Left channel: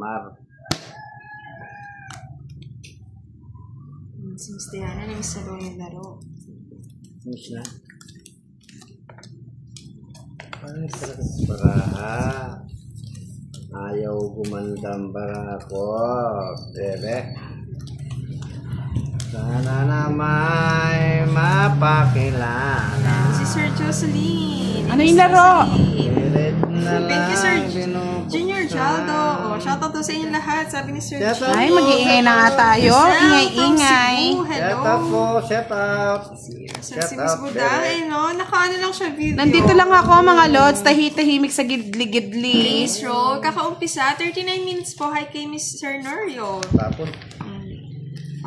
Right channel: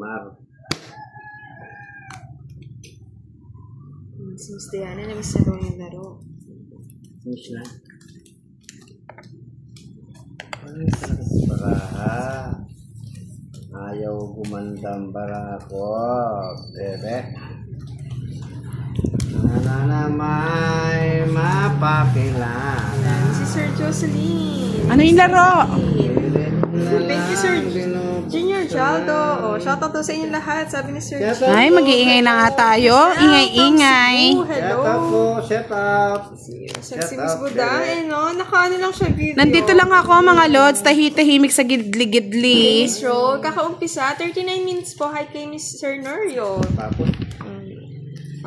Mar. Si Miss Diana, na-miss na yung laro. Miss na. Ay, talaga ayaw gumandang bara ko. Bebe. Sana may mapakilala. Yan, si Sir Jocelyn. Ano yung laro? Thank you, Sir Junior Jaldo. Oh, shoutout to sa inyo lahat. Sabi ni Sir Junior. Ay, mag-iingay na nga tayo. Ingay-ingay. Hello. Set up. Si Miss Budang, no? Nakaano lang siya video. Nandito lang ako, mga lods. Tahimik sa gidli-gidli. Miss Ro, kakaumpisa. 39 minutes po. Hi kay Miss Sir Norio. Tapos.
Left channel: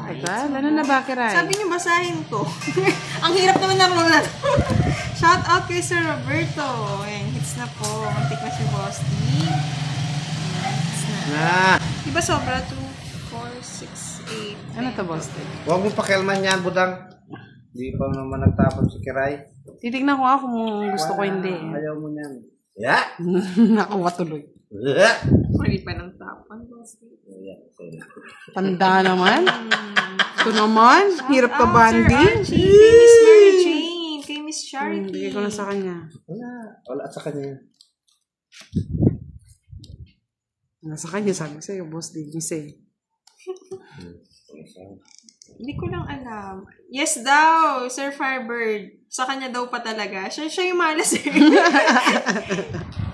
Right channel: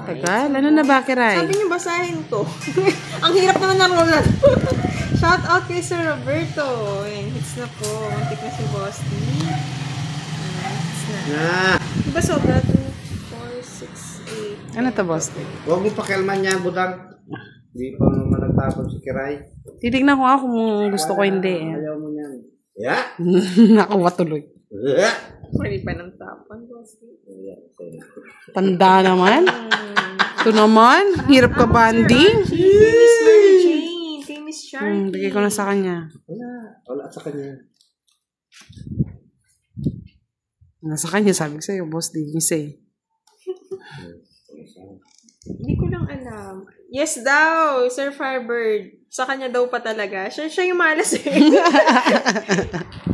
Tagal, ano na ba, Kiray? Sabi niyo basahin to. Ang hirap naman na roll. Shout out kay Sir Roberto. Ayan, hits na po. Antik na si Boss D. Na. Diba sobra? 2, 4, 6, 8. Ano to, boss? Huwag mo pakialman yan, Budang. Hindi pa naman nagtapon si Kiray. Titignan ko kung gusto ko hindi. Ayaw mo yan. Yeah. Nakawa tuloy. Yeah. Mali pa ng tapon, Boss D. Tanda naman. Ito naman. Hirap ka banding. Kay Miss Mary Jane. Kay Miss Charity. Bigay ko na sa kanya. Wala sa kanya. Nasa kanya, sabi ko sa'yo, boss. Di say. Hindi ko lang alam. Yes daw, Sir Firebird. Sa kanya daw pa talaga. Siya yung malas eh.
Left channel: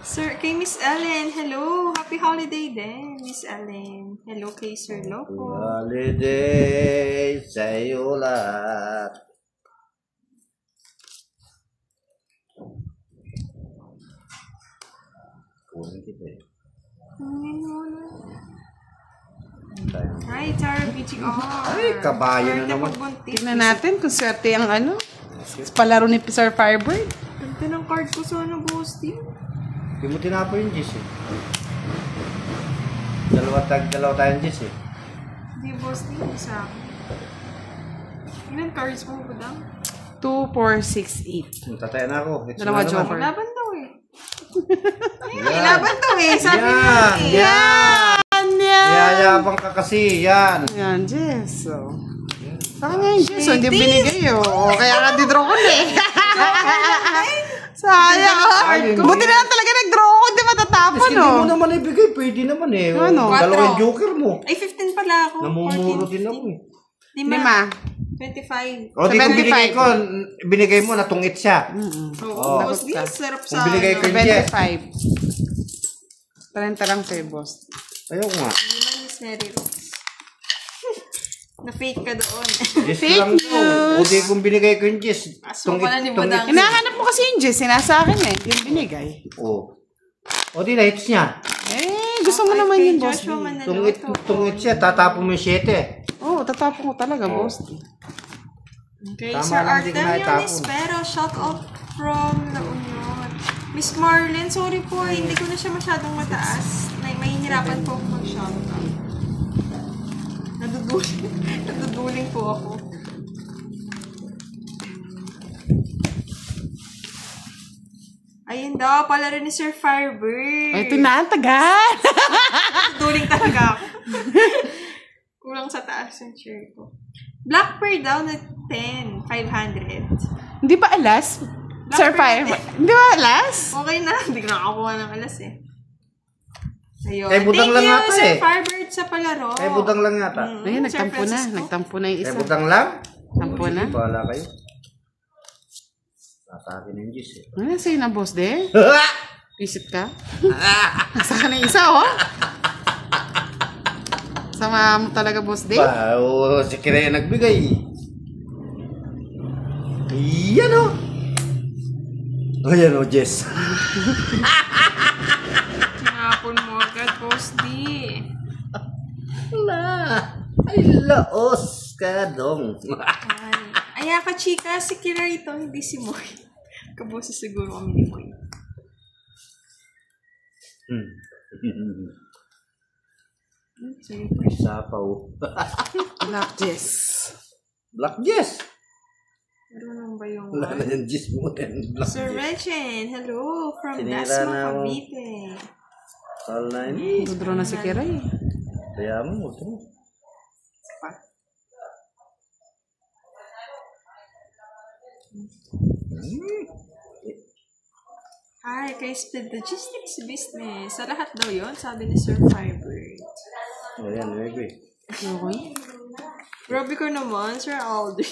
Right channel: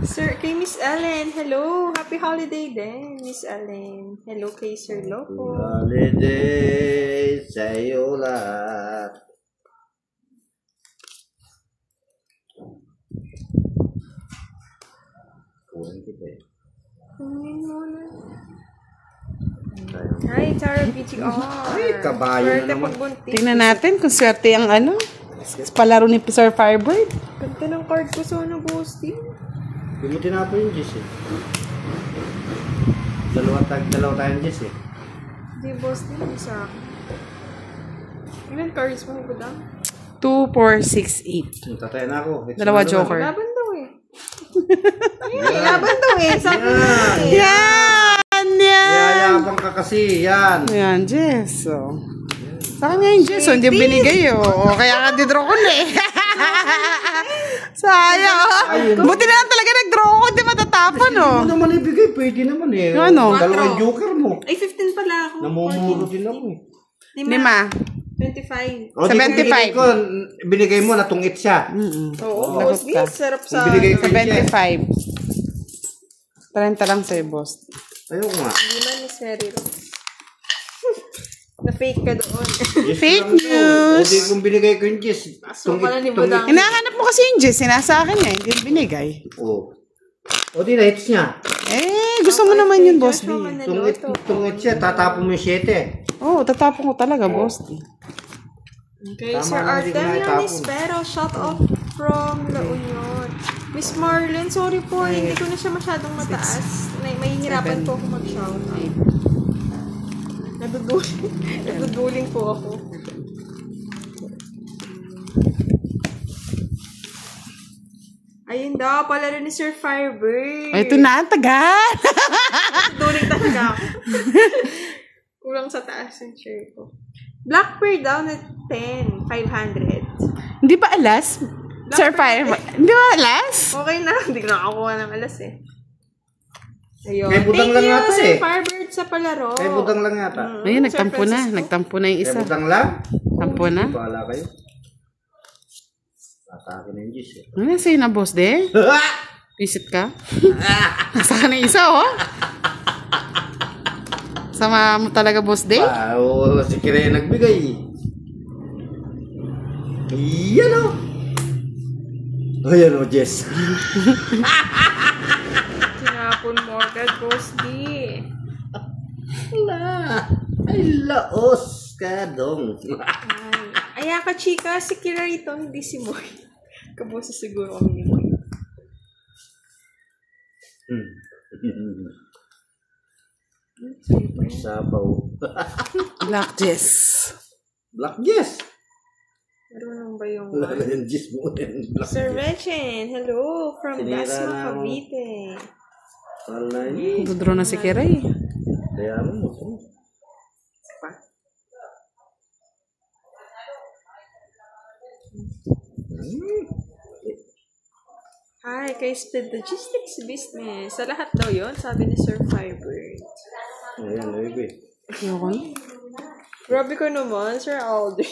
Sir, kay Miss Ellen, hello. Happy holiday din, Miss Ellen. Hello kay Sir Loco. Holiday sa'yo lahat. Kunin kita eh. Kunin mo na. Hi, Tara BTR. Ay, kabayo na naman. Tingnan natin kung swerte ang ano. Palaro ni Sir Firebird. Ganda ng card ko sa ano, Boss D. Hindi mo tinapo yung Jess eh. Dalawa tayong Jess eh. Hindi, Boss D. Isa. Ilan cards mo ko daw? 2, 4, 6, 8. Tatay na ako. Dalawa joker. Laban daw eh. Ay, laban daw eh. Sabi niya eh. Yan! Yayabang ka kasi. Yan. Yan, Jess. So, sa kanya yung Jess. Hindi binigay. O, kaya ka di-draw ko na eh. Sayang. Buti na lang talaga nag-draw ko. Hindi matatapon. Hindi mo naman ibigay. Pwede naman eh. Ano? Dalawang joker mo. Ay, 15 pala ako. Namumuro din ako eh. 5. 25. O, di kung binigay ko, binigay mo, natungit siya. Oo, Boss D. Sarap sa... Kung binigay ko yung Jess. 25. 30 lang sa'yo, boss. Ayaw nga. Hindi man, Miss Mary Rose. Na-fake ka doon. Fake O, news. di kung binigay ko yung Jess. Aso pala ni Budang. Hinahanap mo kasi yung Jess. Sinasa akin eh. Hindi binigay. O. O, di na-hits niya. Eh, gusto mo naman yun, boss. Tungit siya, tatapon mo yung 7. Oo, tatapon ko talaga, boss. Okay, Tama Sir lang, di Artemio na Nispero, shout out from La Union. Miss Marlene, sorry po, hindi ko na siya masyadong mataas. Mahihirapan po ako mag-shout. Naduduling po ako. Ayun daw, pala rin ni Sir Firebird. Ay, ito na, ang tagal. Duling talaga ako. Kulang sa taas yung chair ko. Black Pearl daw na 10, 500. Hindi ba alas? Sir Firebird. Hindi ba alas? Okay na, hindi ko nakakuha ng alas eh. Ayun. Eh, budang lang Thank yata you, Sir eh. Firebird sa palaro. Eh, budang lang yata. Ayun, Sir nagtampo na. Francisco. Nagtampo na yung Eh, isa. budang lang. Tampo na. Bahala kayo. Nasa akin yung Jess eh. Ano sa'yo na, boss, de? Visit ka? Nasa ka na isa, oh. Sama mo talaga, boss, de? Wow, si Kira yung nagbigay. Yan o. Oh, yan o, Jess. Tinapon mo agad, Boss D. Wala. Ay, laos ka dong. Ay, ka chika, si Kira ito, hindi si Moy. Kabosa siguro kami ni Moy. Sapaw. Black Jess. Black Jess. Marunong ba yung Wala ka ng Jess mo. Sir Rechen, hello from Sinira Dasma, na ako. Cavite. Sal na ini. Draw na si Kiray. Kaya mo. Hi, kay Split Logistics Business. Sa lahat daw yun, sabi ni Sir Firebird. Ayan, baby. Okay. Grabe ko naman, Sir Aldrin.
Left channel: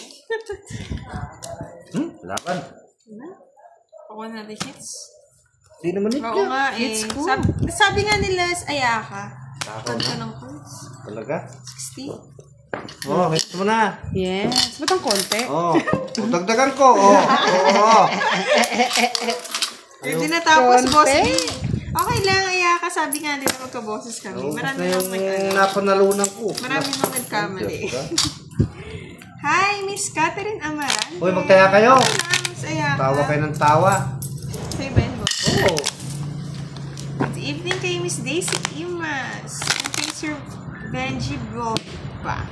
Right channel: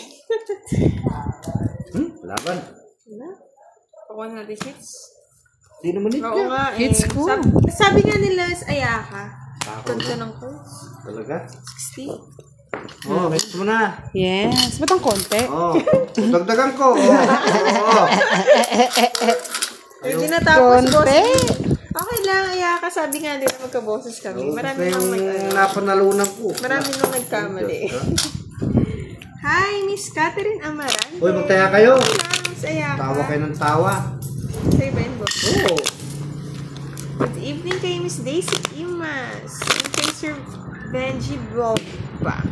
Laban. Ano? Ako natin hits. Di naman ito. Oo nga eh. Hits ko. Sabi nga nila, Ayaka. Ganda ng course. Talaga? 60. Oh, hits mo na. Yes. Ba't ang konti? Oh, dagdagan ko. Oh. Hindi na tapos, Konti. boss. Okay lang, Ayaka. Sabi nga nila magka-bosses kami. Marami nang nalunan ko. Marami nang nagkamali. Hi, Miss Catherine Amarante. Uy, magkaya kayo. Okay lang, Miss Ayaka. Tawa kayo ng tawa. Say Ben, boss. Oo. Good evening kay Miss Daisy Imas. And kay Sir Benji Boba.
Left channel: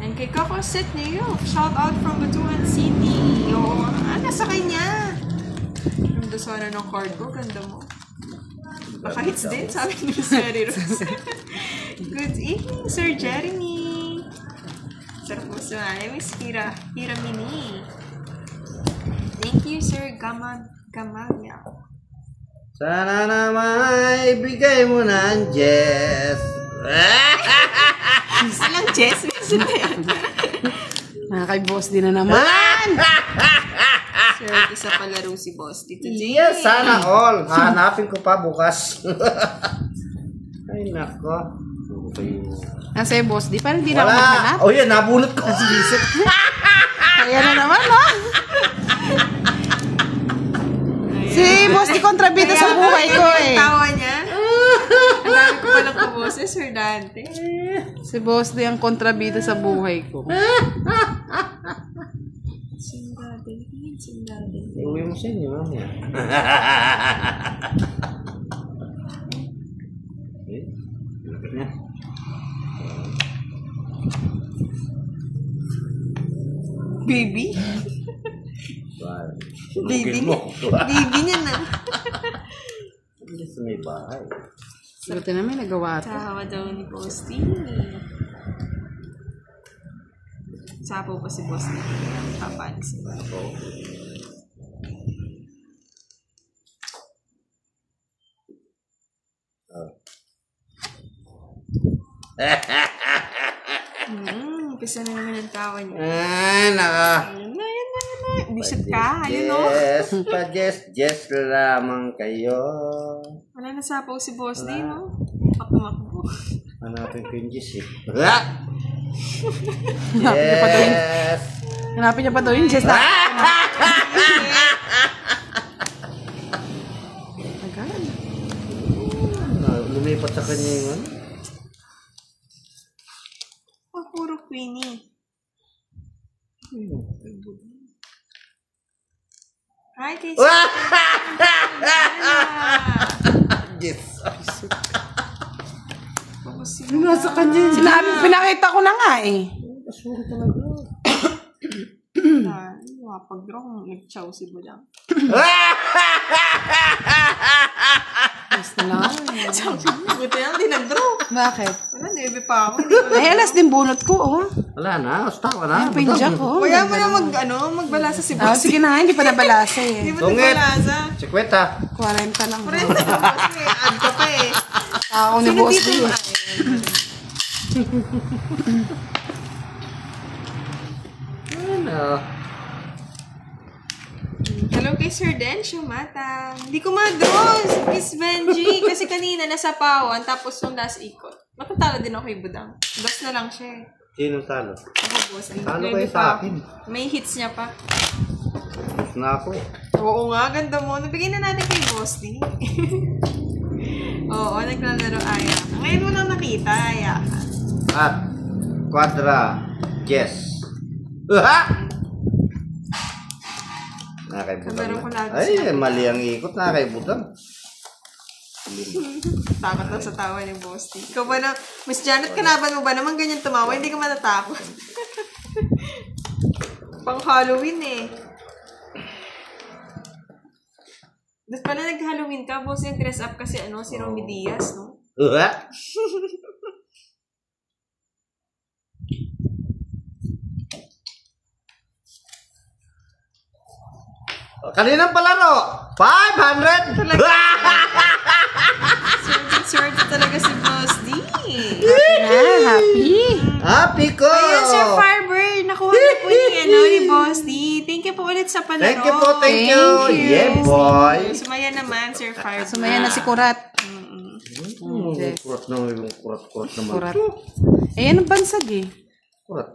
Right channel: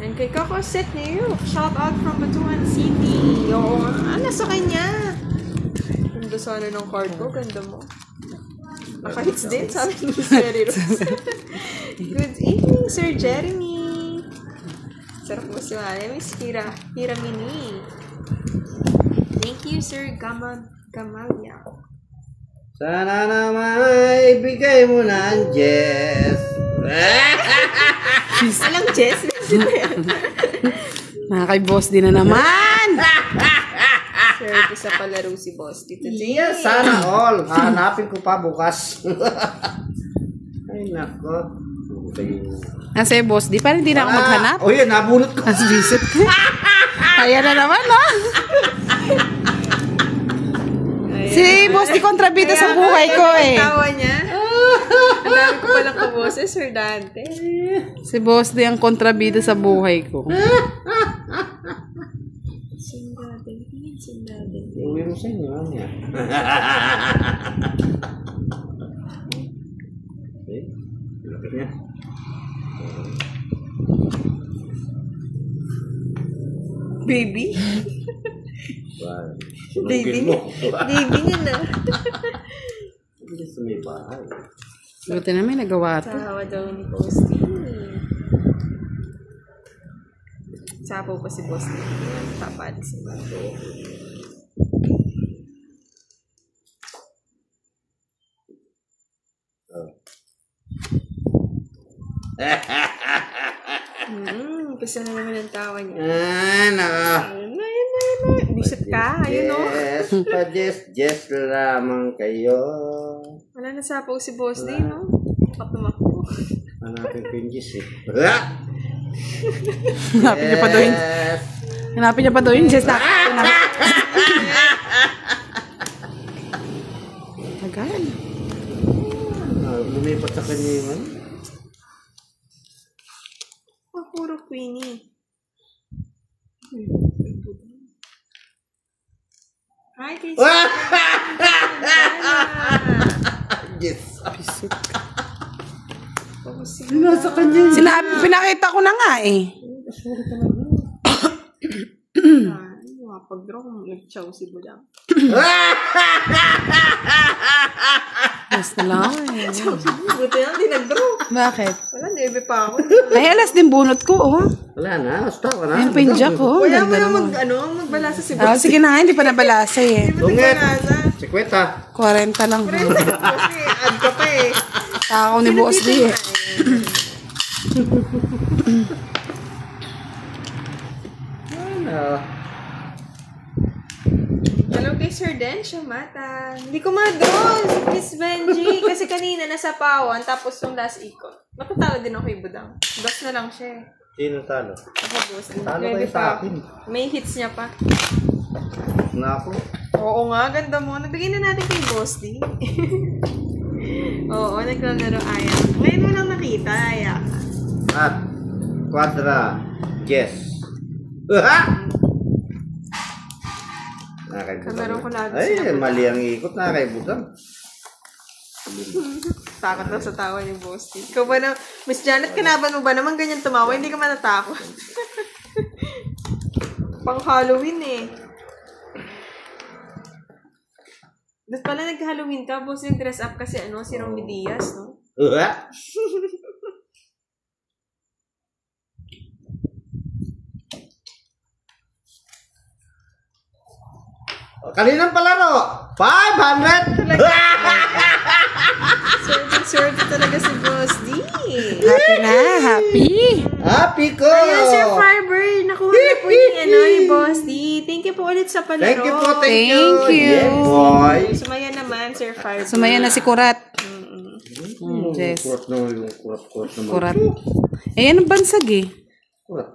And kay Coco Set New York. Shout out from Batuhan City. Oo, nasa kanya. Ganda sana ng card ko. Ganda mo. Naka-hits din, sabi ni Miss Mary Rose. Good evening, Sir Jeremy. Sarap mo si Miss Hiramini. Thank you, Sir Gamalia. Sana naman ibigay mo na ang Jess. Alang Jess, Mga kay boss din na naman. Sir, ito sa palaro si Boss dito. Yes, sana all. Hanapin ko pa bukas. Ay, nako. Nasa yung boss di. Parang hindi na ako maghanap. Oh, yan. Nabunot ko. As visit. Kaya na naman, ha? Si boss di kontrabida sa buhay ko, eh. Tawa niya. Ang dami ko palang kaboses, Sir Dante. Si boss di ang kontrabida sa buhay ko. Sindade. Uwi mo sa inyo, mamaya. Baby? Baby mo. Baby niya na. Hindi sa may bahay. Buti na may nagawa ito. Sahawa daw ni Posty. Sapo pa si Boss dito. Tapad sila. Pisa na naman ang tawa niya. Ano? Ayun na. Bisip ka, ayun o. Yes, pa-Jess lamang kayo. Wala na sapaw si Boss D, no? Tumakbo. Hanapin ko yung Jess eh. Hanapin niya pa daw yun. Hanapin niya pa daw yun. Just Agad. Lumipat sa kanya yung ano. Oh, puro Queenie. Hi, Casey. Jess. Nasa kanya. Sinabi, pinakita ko na nga eh. Pag-draw, nag-chow si Budang. Yes na lang eh. Buti lang, di nag-draw. Bakit? Wala, nebe pa ako. Ay, alas din bunot ko, oh. Wala na, basta wala. Yung pinja ko. Kaya mo na magbalasa si Boss. Sige na nga, hindi pa nabalasa eh. Hindi mo nagbalasa. 50. 40 lang. Kasi add ka pa eh. Ako ni boss di eh. Ano? Hello kay Sir Den Shumata. Hindi ko ma-draw, Miss Benji. Kasi kanina nasa pawan, tapos yung last ikot. Matatalo din ako kay Budang. Dos na lang siya eh. Sino talo? Ako, boss. Talo Grabe kayo sa akin. May hits niya pa. Na ako. Oo nga, ganda mo. Nabigyan na natin kay Boss D. Oo, naglalaro Aya. Ngayon mo lang nakita, Aya. At Quadra Jess. Kamera ko lagi Ay, sinabi. mali ang ikot. Nakakaibutan. Takot na sa tawa ni Boss D. Ikaw ba na, Miss Janet, kalaban mo ba naman ganyan tumawa? Hindi ka matatakot. Pang Halloween eh. Dapat pala nag-Halloween ka, boss, yung dress up kasi si Romy Diaz, no? Kaninang palaro? 500! Swerte talaga si Boss D. Happy na, happy. Happy ko! Ayan, Sir Firebird. Nakuha na po ni Boss D. Thank you po ulit sa palaro. Thank you po, thank you. Thank you. Yeah, boy. Sumaya naman, Sir Firebird. Sumaya na si Kurat. Yes. Kurat na yung kurat naman. Kurat. Eh, anong bansag eh? Kurat.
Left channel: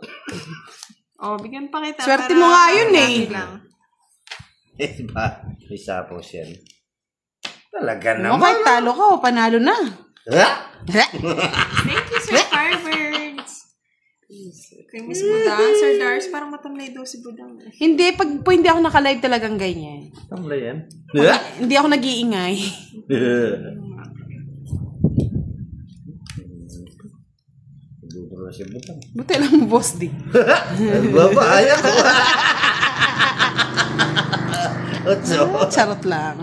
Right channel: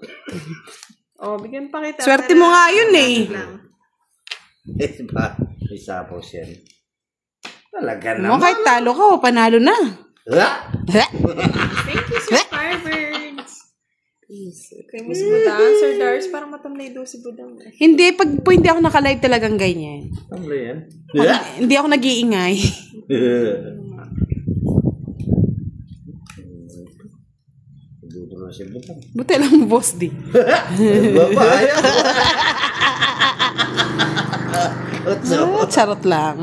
Bigyan pa kita. Swerte para mo nga yun eh. lang. Diba? Isa po siya. Talaga No, naman. kahit talo ka o panalo na. Thank you, Sir Firebird. Kay Miss Budang. Sir Dars, parang matamlay daw si Budang. Hindi, pag po hindi ako naka-live talagang ganyan. Tamla yan. Hindi ako nag-iingay. Dudro na si Butang. Buti lang boss di. Baba, ayaw. Otso. Charot lang.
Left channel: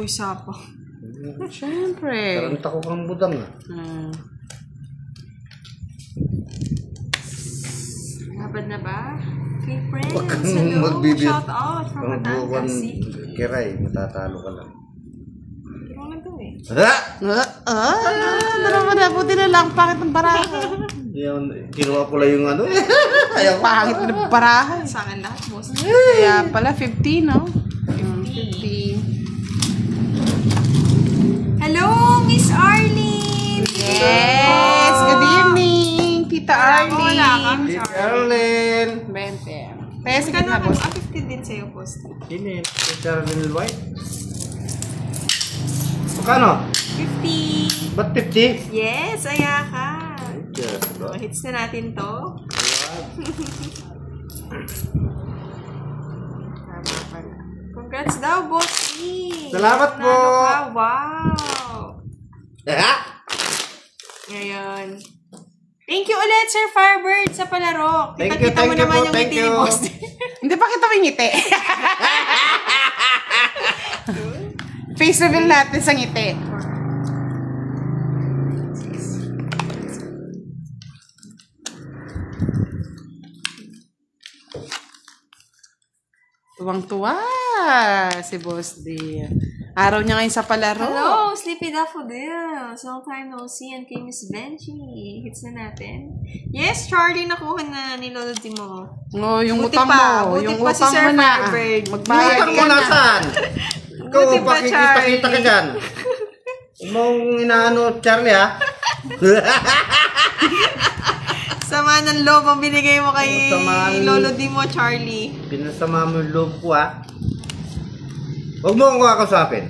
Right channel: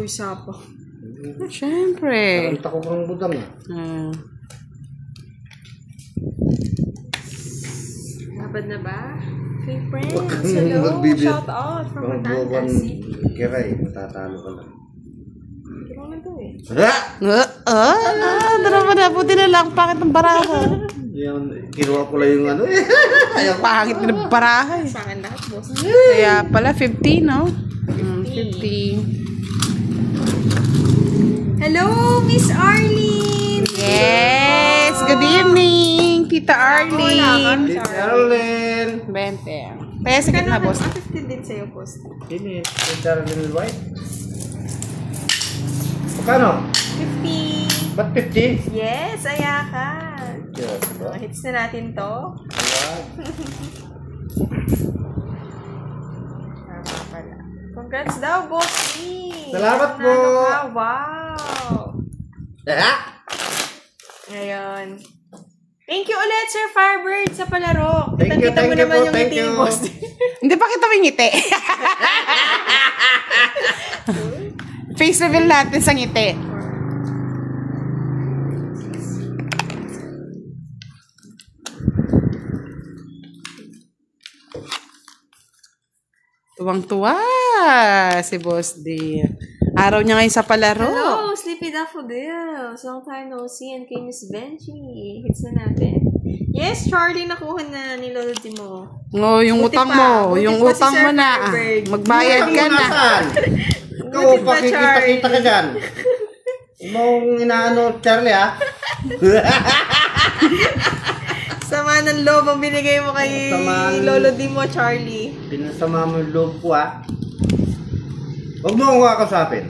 Uy, sapo. Siyempre. Taranta ko kang Butang. Labad na ba? Okay, friends. Huwag kang Hello. magbibigay. Shout out from Ang buwan Batangas. kiray, matatalo ka lang. Kiro na to eh. Dalawa na. Buti na lang. Pakit ng baraha. Yan, kinuha ko lang yung Pangit na ng baraha eh. Sangan lahat, boss. Kaya pala 50, no? 50. Hello, Miss Arlene! Yes! Good evening, Tita Arlene. Arlen. 20. Kaya sige na, boss. 50 din sa'yo, boss. Sini, Arlen White. Magkano? 50. Ba't 50? Yes, ayakan. Hits na natin to. Congrats daw, boss E. Salamat po. Wow. Ngayon. Thank you ulit, Sir Firebird, sa palaro. Kitang-kita mo naman yung ngiti ni boss. Hindi pa kita may ngiti. Face reveal natin sa ngiti. Tuwang-tuwa si Boss D. Araw niya ngayon sa palaro. Hello, Sleepy Daffodil. Long time no see. And kay Miss Benji. Hits na natin. Yes, Charlie, nakuha na ni Lolo mo. No, yung Buti utang pa. mo. Buti Yung pa si utang Sir mo na. Firebird. Magbayad Utang ka mo na. nasaan? Ikaw, Buti pa, pakikita-kita ka Charlie. dyan. Mong inaano, Charlie, ha? Sama ng loob ang binigay mo kay Sama- Lolo mo, Charlie. Pinasama mo yung loob ko, ha? Huwag mo akong kakasapin.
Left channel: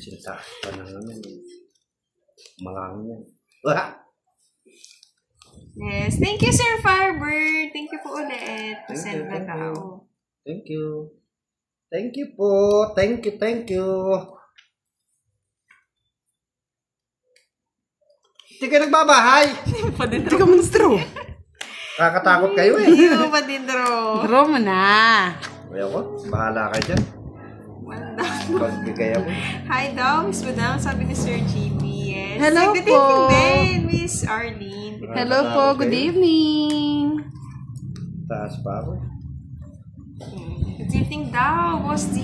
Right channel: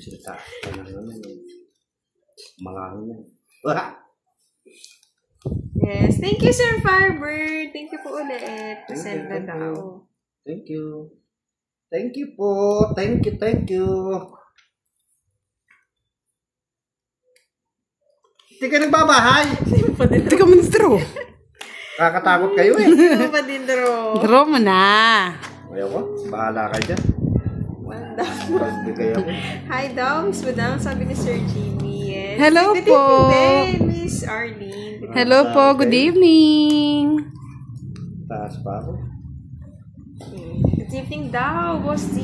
Sita ka na naman. Malaki yan. Yes. Thank you, Sir Firebird. Thank you po ulit. Send na daw. Thank you. Thank you po. Thank you, thank you. Hindi ka nagbabahay. Hindi ka ministro. Kakatakot kayo eh. Hindi mo pa din draw. Draw mo na. Ayaw ko. Bahala kayo dyan. Pagbigay ako. Hi daw, Miss Budang. Sabi ni Sir Jimmy. Yes. Hello Good po. evening din, Miss Arlene. Hello po. Good evening. Taas pa ako. Good evening daw, Boss D.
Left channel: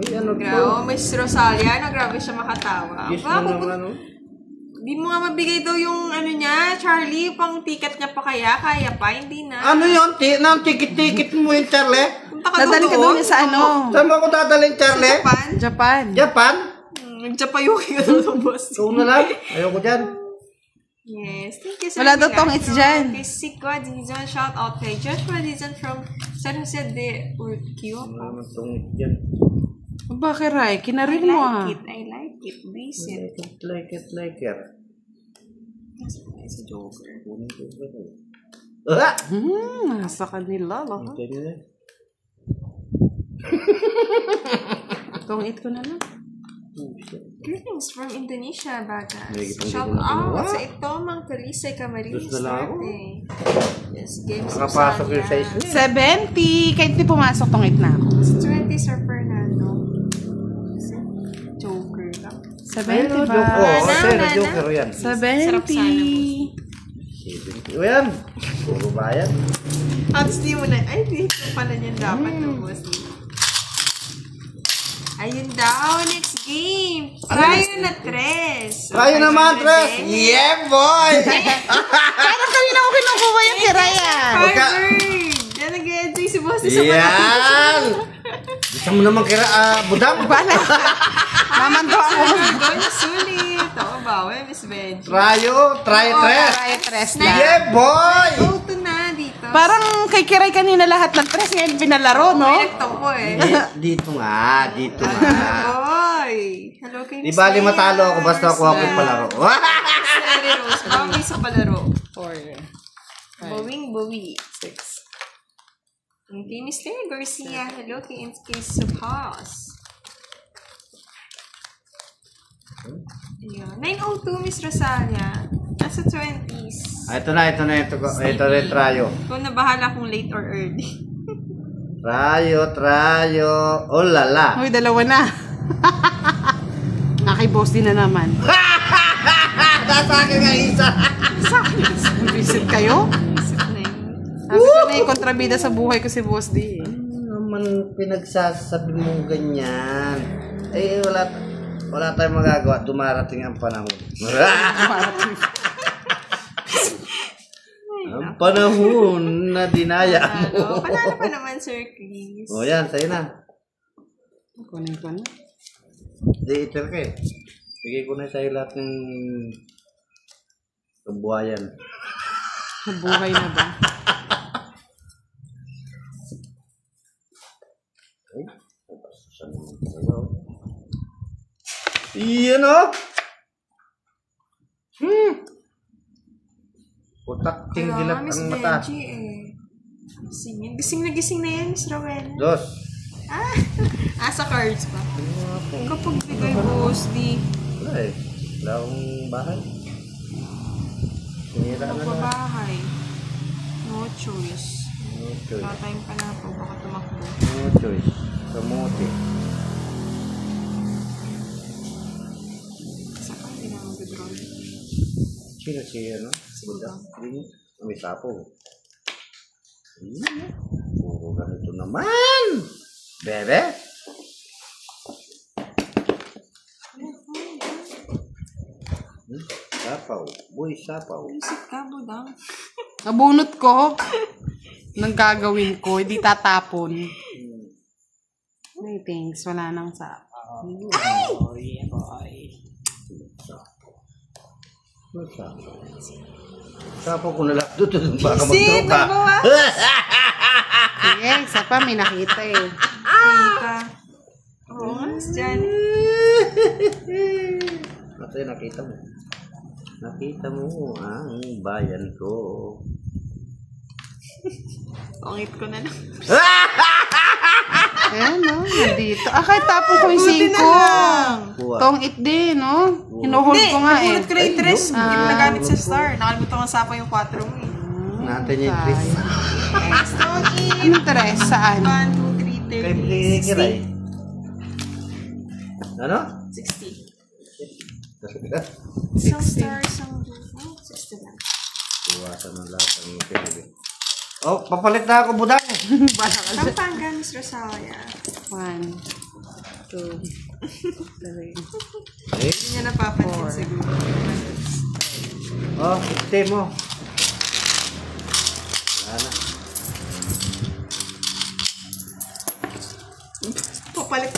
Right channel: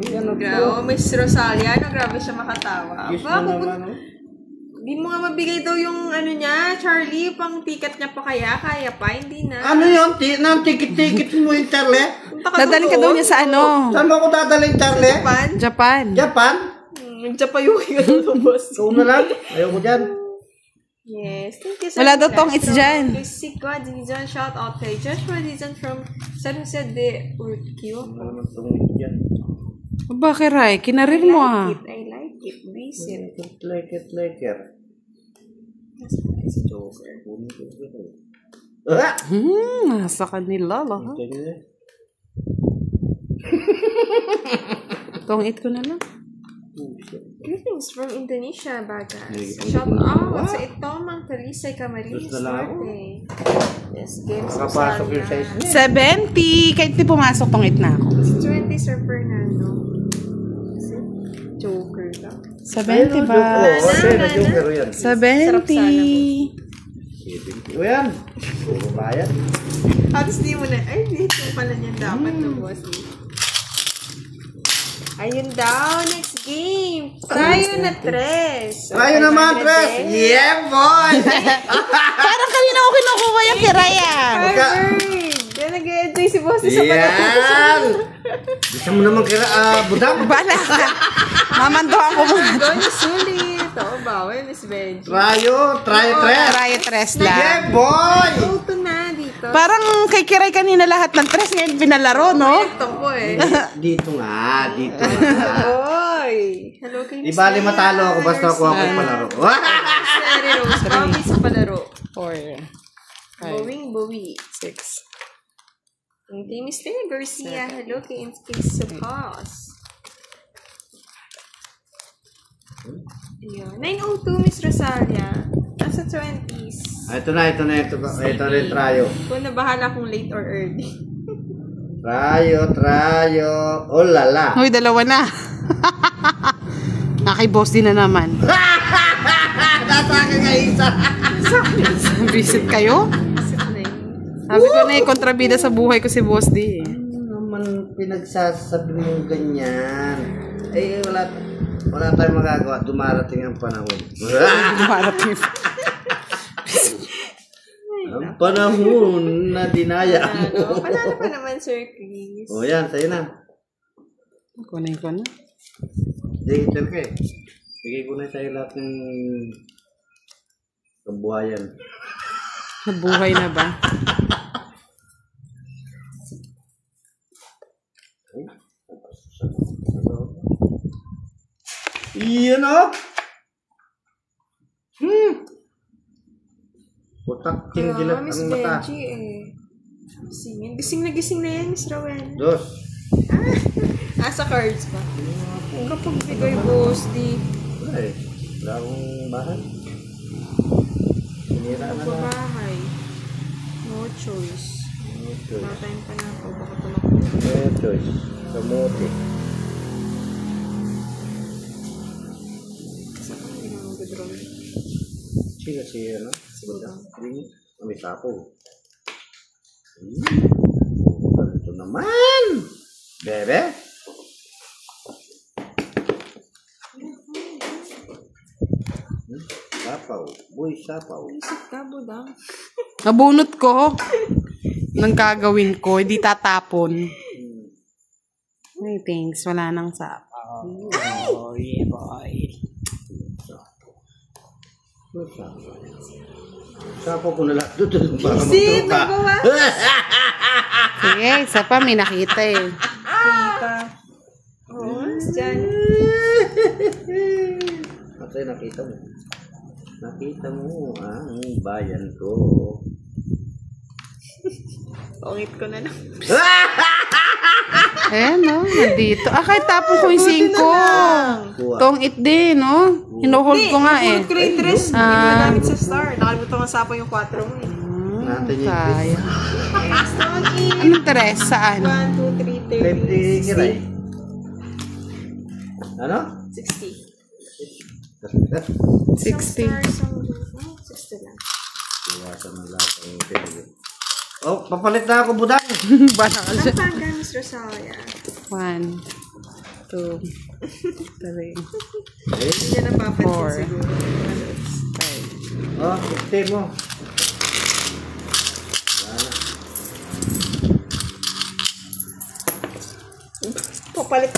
Ay, ano Grabe, Miss Rosalia. Grabe siya makatawa. Yes Ba, na naman, oh. di mo nga mabigay daw yung niya, Charlie, pang ticket niya pa kaya? Kaya pa, hindi na. Ano yun? Tikit-tikit mo yun, Charlie? Punta ka Dadali ka daw niya sa ano? Saan mo ako dadalhin, Charlie? Japan? Japan. Japan? Japayuki ka daw, Boss. Ikaw na lang. Ayaw ko dyan. Yes, thank you, Sir. Wala daw tong it's dyan. Kay Sigwa Dizon, shout out kay Joshua Dizon from San Jose de Urquio. Ano itong dyan? Bakit, Ray? Kinarir mo ah. I like it. Visit. Like it. Si Joker. Ah! Nasa kanila lang. Ganyan eh. Tong 8 ko na lang. Greetings from Indonesia, Bagas. Hindi Shout ko out na- sa Itomang Talisay Camarines Gusto lang ako. Norte. Yes, games Nakapasok yung size niya. 70. Kahit di pumasok tong 8 na ako. Si 20 Sir Fernando. Si Joker ka. 70 ba? Oo, Wala sa'yo na, na yung pero yan. 70. O yan. Puro bayad. Tapos di mo na, ay, dito pala niyan dapat yung boss. Ayun daw, next game. Tayo na tres. Tayo naman, Tres! Yeah, boy! Parang kami na ako kinukuha yung kirayan. Harvard! Na nag-enjoy si boss sa Yan! Gusto mo naman kira, budang? Mamando ako. Gawin na sulit. Oo ba? Uy, Miss Benji. Trayo, Tres! Try tres lang. Yeah, boy! Auto na dito. Parang kay Kiray kanina lahat ng tres ngayon pinalaro, no? Ito po eh. Dito nga, dito nga. Boy! Hello kay Di Miss bali Mary matalo ako basta ako palaro. Mary Rose. Promise sa palaro. 4. Bowing. 6. And kay Miss Tere Garcia. Hello kay Supas. Ayun. 902 Miss Rosalia. Nasa 20s. Ito na yung trayo. Kung nabahala kung late or early. Trayo. Oh, lala. Uy, dalawa na. Nakay boss din na naman. Nasa akin nga isa. Visit kayo? Isip na yun. Sabi ko na kontrabida sa buhay ko si boss di eh. Naman pinagsasabi mo ganyan. Eh, wala tayong magagawa. Dumarating ang panahon. Ang panahon na dinaya mo. Panalo pa naman, Sir Chris. O yan, sa'yo na. Kunin ko na. Hindi, ito ka eh. Bigay ko na sa'yo lahat ng kabuhayan. Nabuhay na ba? Iyan o! Putak tinggilap Miss ang mata. Benji eh. Gising na yan, Miss Rowena. Dos. Sa cards pa. Kapag bigay boss, di Wala eh. Wala akong bahay. Sinira na na. magbabahay. No choice. Okay. Wala tayong panahon. Baka tumakbo. No choice. Kamuti. Sa kong hindi na mag-draw. Sino siya, no? Siguro. May sapo. Ito naman! Bebe! Sapaw. Boy, sapaw. Isip ka, budang. Nabunot ko. Nang gagawin ko, hindi tatapon. Ay, thanks. Wala nang sapaw. Boy, boy. Sapaw ko na lang. Doon, baka Isip, magtropa. nagawa. Sige, isa pa. May nakita eh. Kita. Oo nga, Miss Jan. Matay, nakita mo. Nakita mo ang bayan ko. Pangit ko na lang. Ayan, no? Nandito. Kahit tapon ko yung 5. Tong it din, no? Hinuhold ko nga eh. Pulot ko na yung tres. Hindi ko nagamit sa star. Nakalimutan ko sa yung 4 mo eh. Natin yung tres. Next one is Anong tres? Saan? 1, 2, 3, 30, 60. Ano? 60. 60. Some 60 lang. Iwasan ng lahat ang pinagin. Oh, papalit na ako, budang. Bala ka dyan. Pampanga, Miss Rosalia. 1, 2, 3, Hindi niya napapansin siguro. Oh, 50 mo. Wala na. Papalit.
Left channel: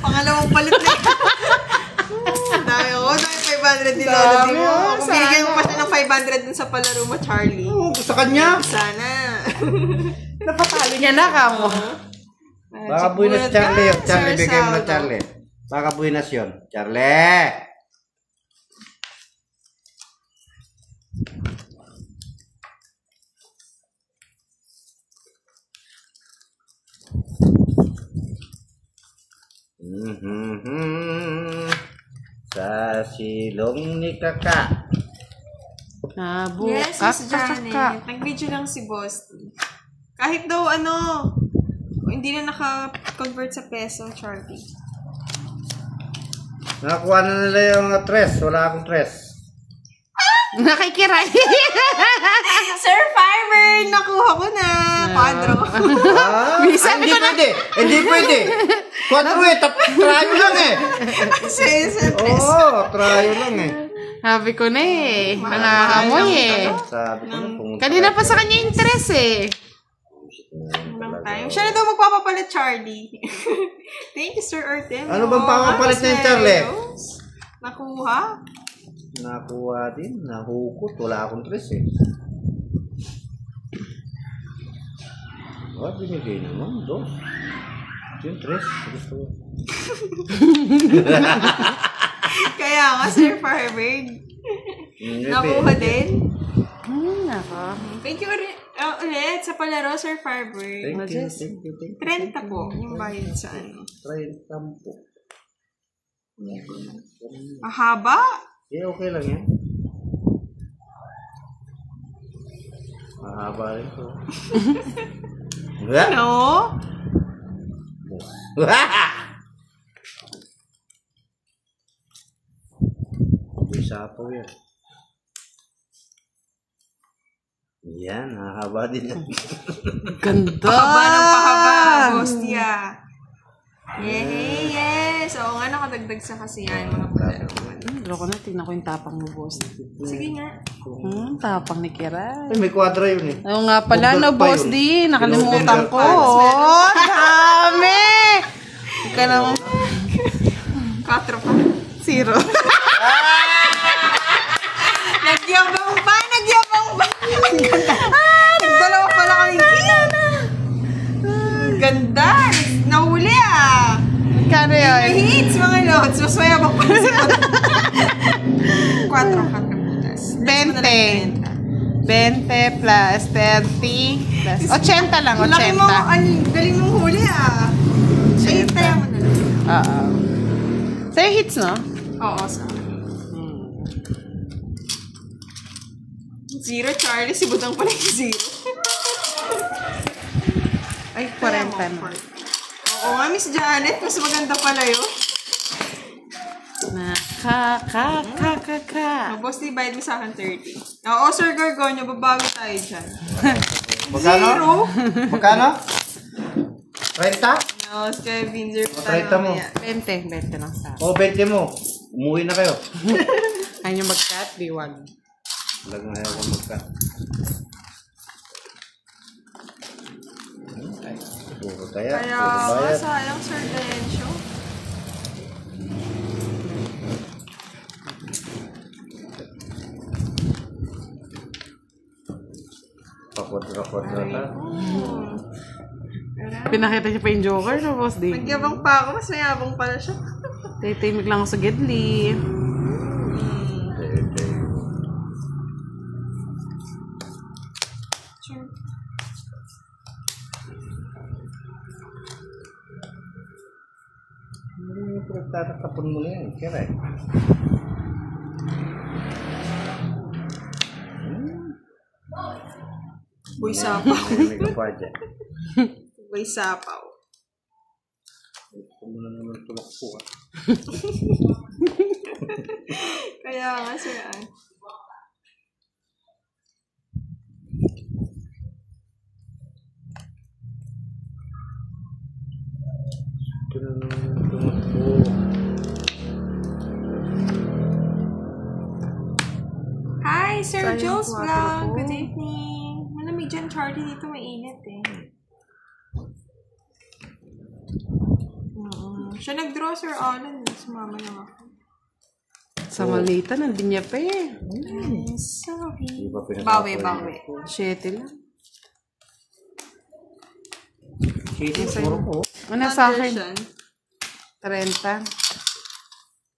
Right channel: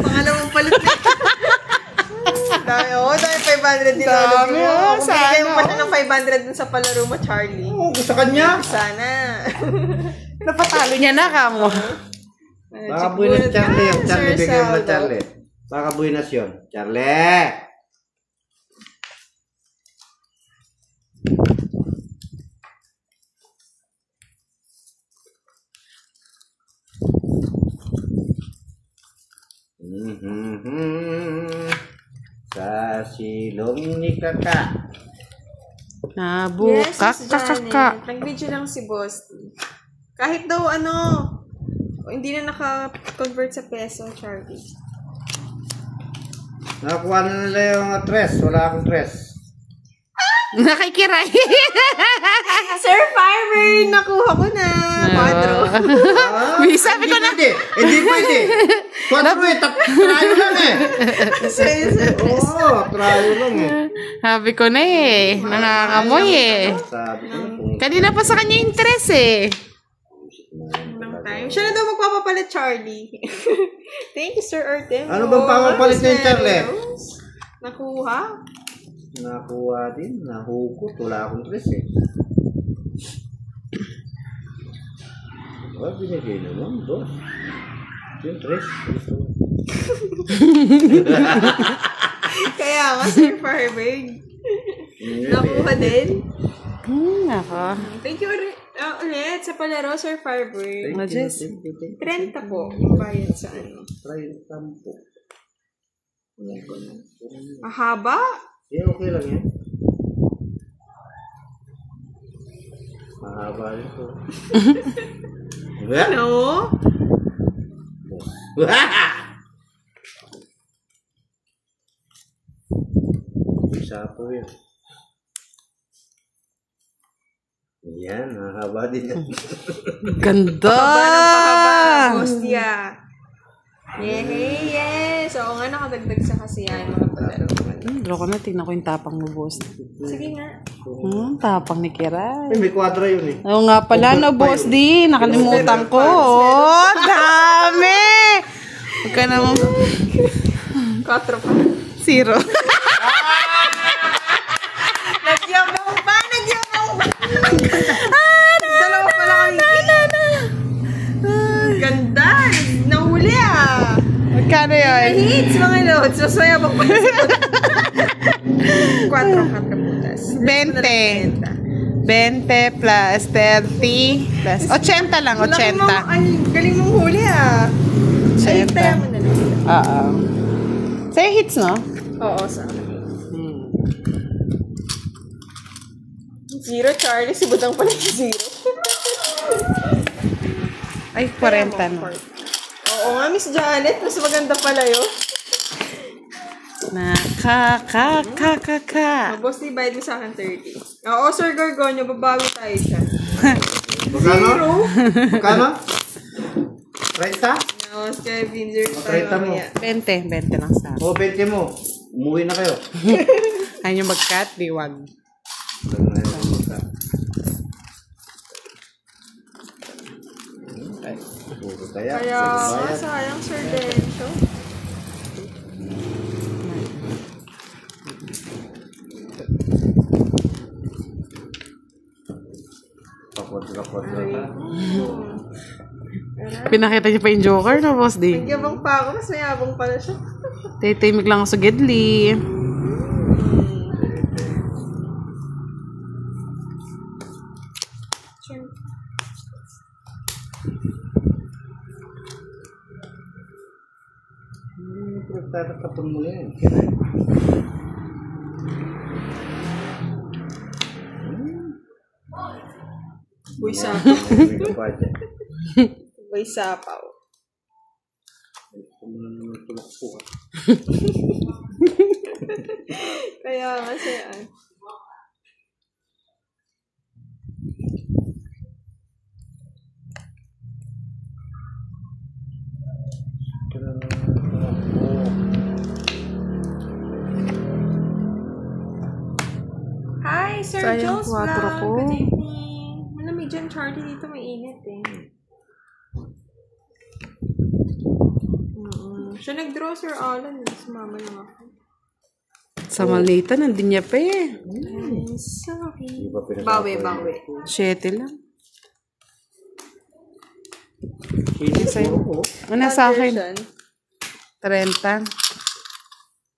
Pangalawang palit na. Dami 500 din lolo din mo. Kung bigyan mo pa siya ng 500 dun sa palaro mo, Charlie. Oh, gusto kanya. Sana. Napatalo niya na ka mo. Baka buinas Charlie. Charlie, bigyan mo Charlie. Baka buinas yun. Charlie! silong ni Kaka. Yes, Miss Janet. Nag-video lang si Boss. Kahit daw hindi na naka-convert sa peso, Charlie. Nakakuha na nila yung tres. Wala akong tres. Nakikiray. Sir Farmer, nakuha ko na. 4. Hindi pwede. Hindi pwede. 4 eh. Trayo lang eh. Oo, trayo lang eh. Sabi ko na eh. Nangangamoy eh. Sabi ko na. Kanina pa sa kanya yung tres eh. Siya na daw magpapapalit, Charlie. Thank you, Sir Artem. Ano bang papapalit niya, Charlie? Nakuha? Nakuha din. Nahukot. Wala akong tres eh. Binigay naman. 2. Yung tres. Kaya nga, Sir Farmer. Nakuha din. Naka. Thank you ulit sa palaro, Sir Farmer. 30 po yung bayad sa 30 po. Mahaba? Okay lang yan. Mahaba rin po. Ano? Isa po yan. Yan, mahaba din yan. Ganda! Pahaba ng pahaba, Hostia. Yes! Oo nga, nakadagdag sa kasi yan, mga palaro. Loko na, tignan ko yung tapang mo, boss. Sige nga. Tapang ni Kiray. May kwadro yun eh. Oo nga pala, no, boss D. Nakalimutan ko. Oh, dami! Huwag ka naman. 4 pa. 0. Nagyabang pa! Nagdalawa pala kami. Ganda! Nahuli ah! Magkano yun? Hits mga lods. Mas mayabang pa si 4 putas. 20 plus 30 plus 80 lang, 80. Galing mong huli ah. Ay, tayo mo na lang. Oo. Sa'yo hits, no? Oo, sa akin. 0, Charlie. Si Budang pala yung 0. Ay, 40 na. Oo nga, Miss Janet. Mas maganda pala yun. Boss, di bayad mo sa akin 30. Oo, Sir Gorgonio. Babago tayo dyan. Magkano? Magkano? 30? No, Kevin. 0 30 mo. 20 lang sa akin. 20 mo. Umuwi na kayo. Ayaw nyo mag-cut, diwag. Kaya, sayang, Sir Dencio. Kapot na ta. Pinakita niyo pa yung Joker, no, boss D? Nagyabang pa ako, mas mayabang pala siya. Titimik lang ako sa Gedli. Sure. Tatapon mo na yan. Kaya Boy sapaw. Boy sapaw. Kung naman tumakbo ah. Kaya nga siya ah. Hi, Sir Sayang Jules 4 Vlog. ko. Good evening. Malamig dyan, Charlie. Dito mainit eh. Siya nag-draw, Sir Alan. Sumama lang ako. Sa Malita, nandun niya pa eh. I'm sorry. Bawi. 7 lang. Sino po? Ano sa akin? Version. 30.